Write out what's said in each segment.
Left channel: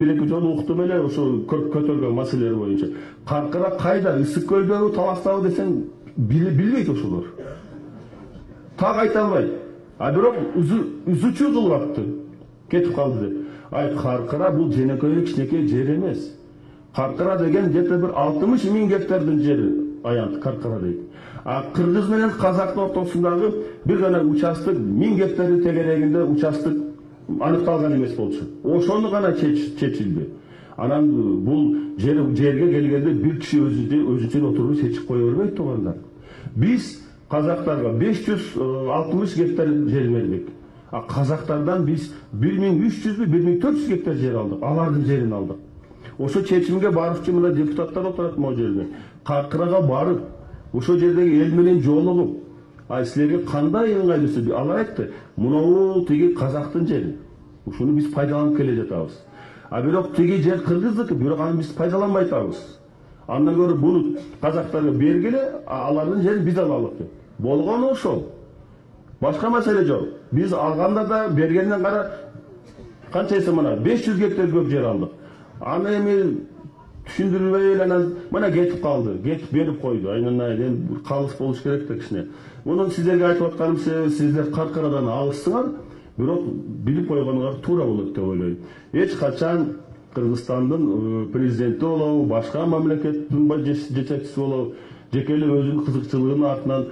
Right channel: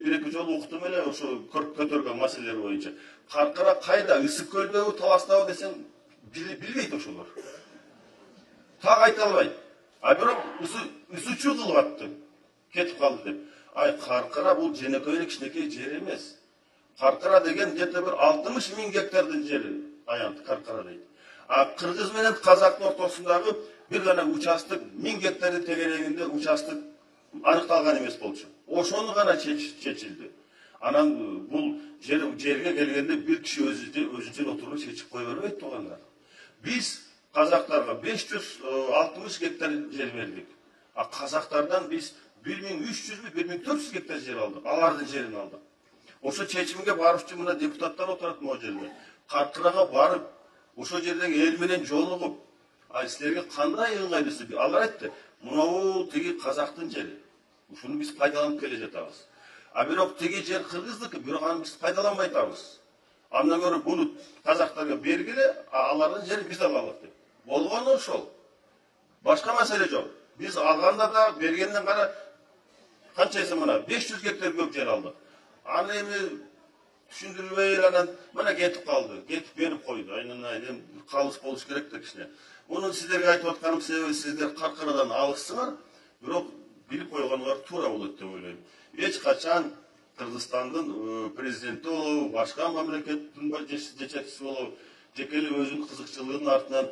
бир-эки жолу уктум эле ушул көтөргөн маселелер боюнча. Каркыра кайда, Ысык көлдөгү, Таластабы десең билбейт ошолор. Так айта албайт. А бирок үзүчү кылып атты. Кетип калды деп. Ай, Каркыра бул женекей кичинекей жер эмес. Каркыра деген где-то бир 60 000 гектардын жери аянт Каркыра дейт. А Кыргыз менен Казактын ортосундагы бир гана участок 1000 гектарды тегерегинде участок аныкталган эмес болчу. Ошону гана чечилди. Анан бул жерге келгенде бир киши өзүчө отуруп чечип кое бербейт туугандар. Биз казактарга 560 гектар жер бердик. А казактардан биз 1300 1400 гектар жер алдык. Алардын жерин алдык. Ошо чечимге барып мына депутаттар отурат могу жерде. Каркырага барып, ошол жердеги эл менен жолугуп, ай силерге кандай ыңгайлуу? Алар айтты, мынау тиги казактын жери. Ушуну биз пайдаланып келе жатабыз. А бирок тиги жер кыргыздыкы, бирок аны биз пайдаланбай атабыз. Андан көрө буну казактарга бергиле, алардын жерин биз алалык деп. Болгону ошол. Башка маселе жок. Биз алганда да бергенден кара канчасы мына 500 гектар көп жер алдык. Аны эми түшүндүрбөй эле анан мына кетип калды. Кетип берип койду. Айнан калыс болуш керек да кичине. Муну сиздерге айтып атканым себеби сиздер Каркырадан алыссыңар, бирок билип койгонуңар туура болот деп ойлойм. Эч качан Кыргызстандын президенти болобу, башка мамлекеттин жетекчиси болобу, жеке эле өзүнүн кызыкчылыгынын артынан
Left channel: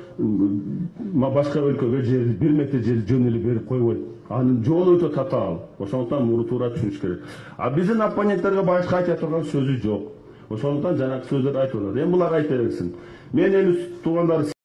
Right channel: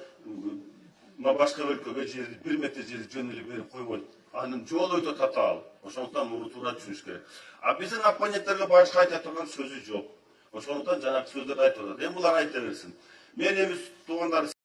башка өлкөгө жерди 1 метр жерди жөн эле берип койбойт. Анын жолу өтө татаал. Ошондуктан муну туура түшүнүш керек. А биздин оппоненттерге башка айта турган сөзү жок. Ошондуктан жанагы сөздөрдү айтып атат. Эми булар айта берсин. Мен эми туугандар